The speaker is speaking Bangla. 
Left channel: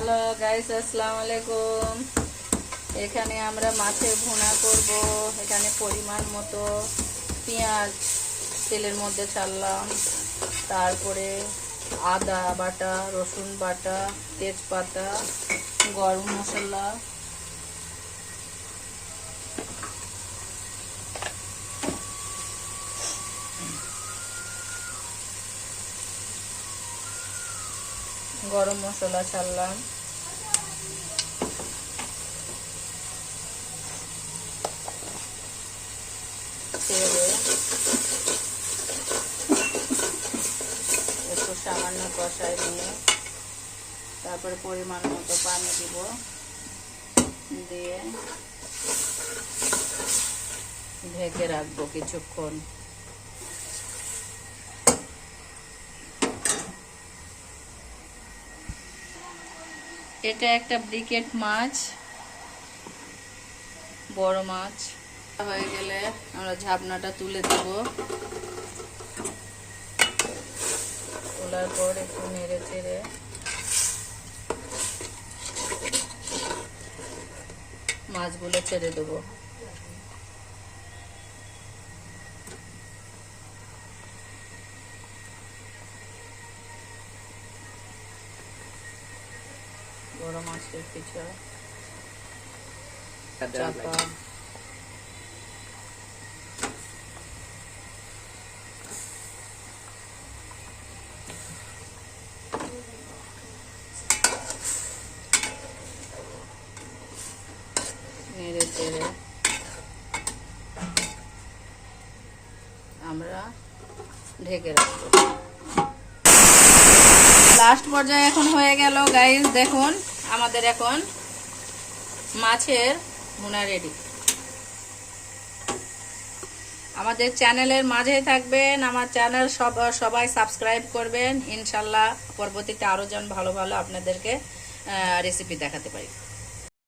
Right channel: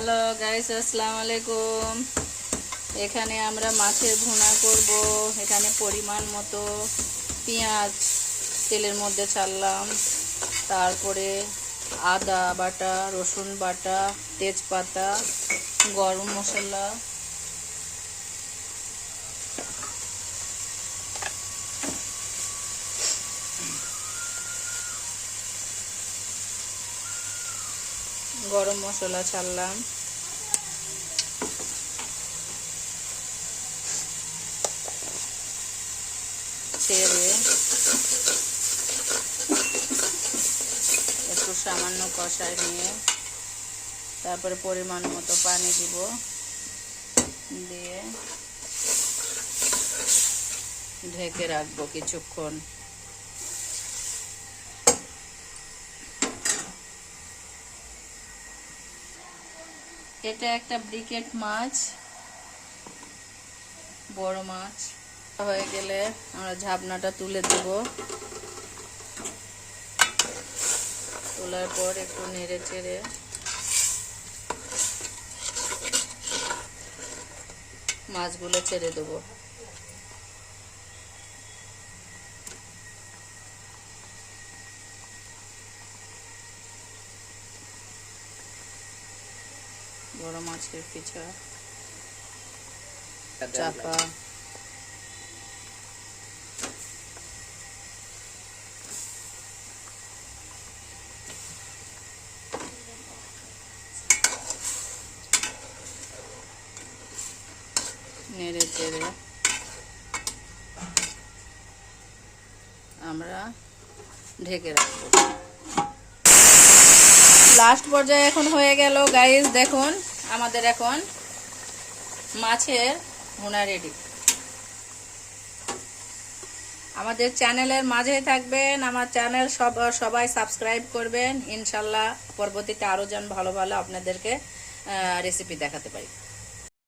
হ্যালো গাইস, আসসালামু আলাইকুম। এখানে আমরা মাছের ভুনা করব। এখানে পরিমাণ মতো পেঁয়াজ তেলের মধ্যে ছাড়লাম, তারপরে আদা বাটা, রসুন বাটা, তেজপাতা, গরম মশলা, ছাড়লাম। ছেড়ে একটু সামান্য কষায় নিয়ে তারপরে পরিমাণ মতো পানি দিব, দিয়ে ঢেকে রাখবো কিছুক্ষণ। এটা একটা ব্রিকেট মাছ, বড় মাছ। হয়ে গেলে আমরা ঝাপনাটা তুলে দেব। তোলার পর একটু নেড়ে চেড়ে মাছগুলো ছেড়ে দেব। বড় মাছের পিছা চাপা, নেড়ে চেড়ে আমরা ঢেকে রাখবো। লাস্ট পর্যায়ে এখন হয়ে গেল গাইস, দেখুন আমাদের এখন মাছের ভুনা রেডি। আমাদের চ্যানেলের মাঝে থাকবেন, আমার চ্যানেল সবাই সাবস্ক্রাইব করবেন। ইনশাল্লাহ পরবর্তীতে আরো যেন ভালো ভালো আপনাদেরকে রেসিপি দেখাতে পারি।